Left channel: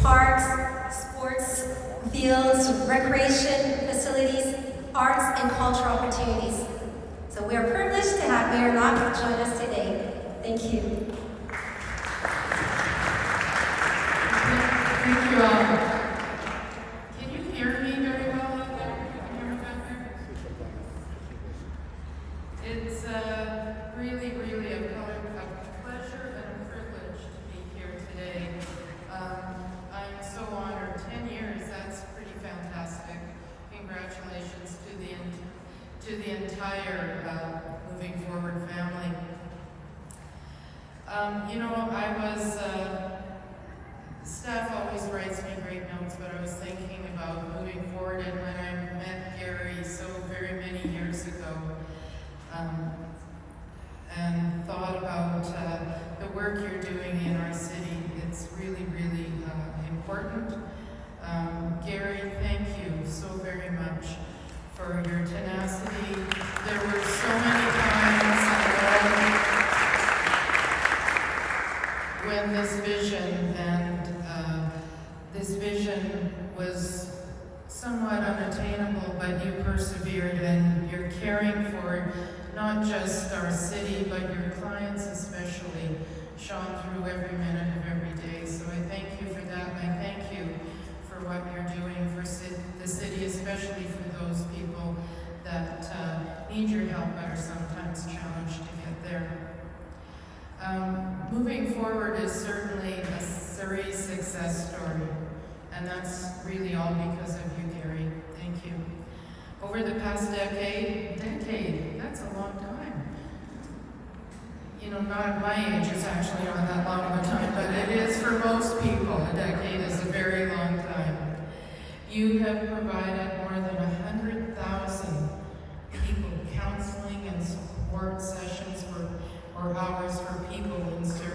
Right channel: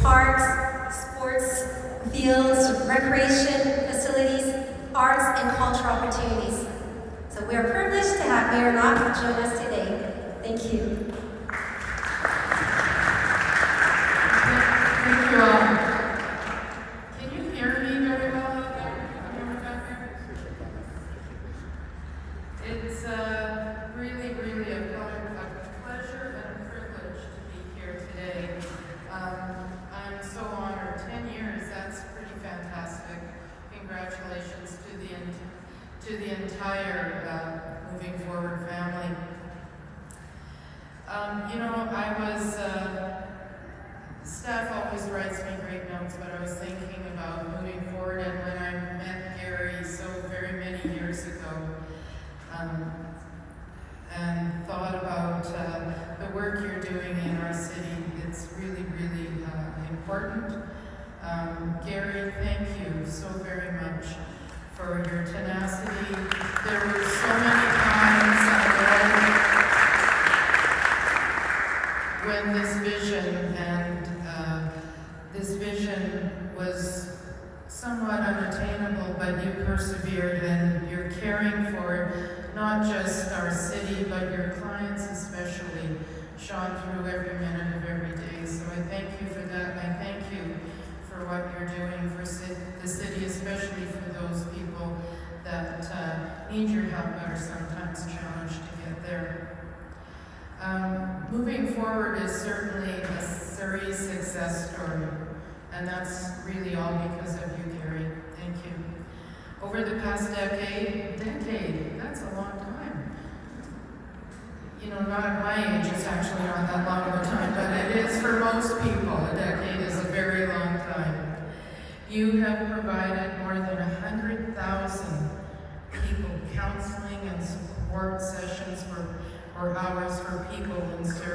parks, sports fields, recreation facilities, arts, and cultural opportunities. So we are privileged to have Mayor Locke join us today. Thank you. Thank you all. Can you hear me very well out there? Can you hear me back there? It's really, really a pleasure and a privilege to be here today. I'm so honored. 10 years, that's pretty fantastic. Congratulations to the entire Moving Forward family. Staff always writes me great notes, but I was thinking about moving forward, and when I met Gary so very many years ago, and thought about the work you're doing in our city, it's really, really important. Gary, thank you so very much for your tenacity. There were so many times when this vision was somewhat unattainable, but you persevered, and you're caring for not just our city, but your clients especially, shone through every minute of every day. So I thank you for that, and I thank you for what you're doing for the city, especially for those people that need your help but are sometimes challenged to get there. Moving Forward is certainly a Surrey success story, and that's really all because of you, Gary. Thank you. Over the past decade, that's a long time. You know, not at my age, it's actually not that long of a time, but it is for most people. A decade is a very long time. You have provided more than 100,000 people counseling and support sessions or hours for people in Surrey.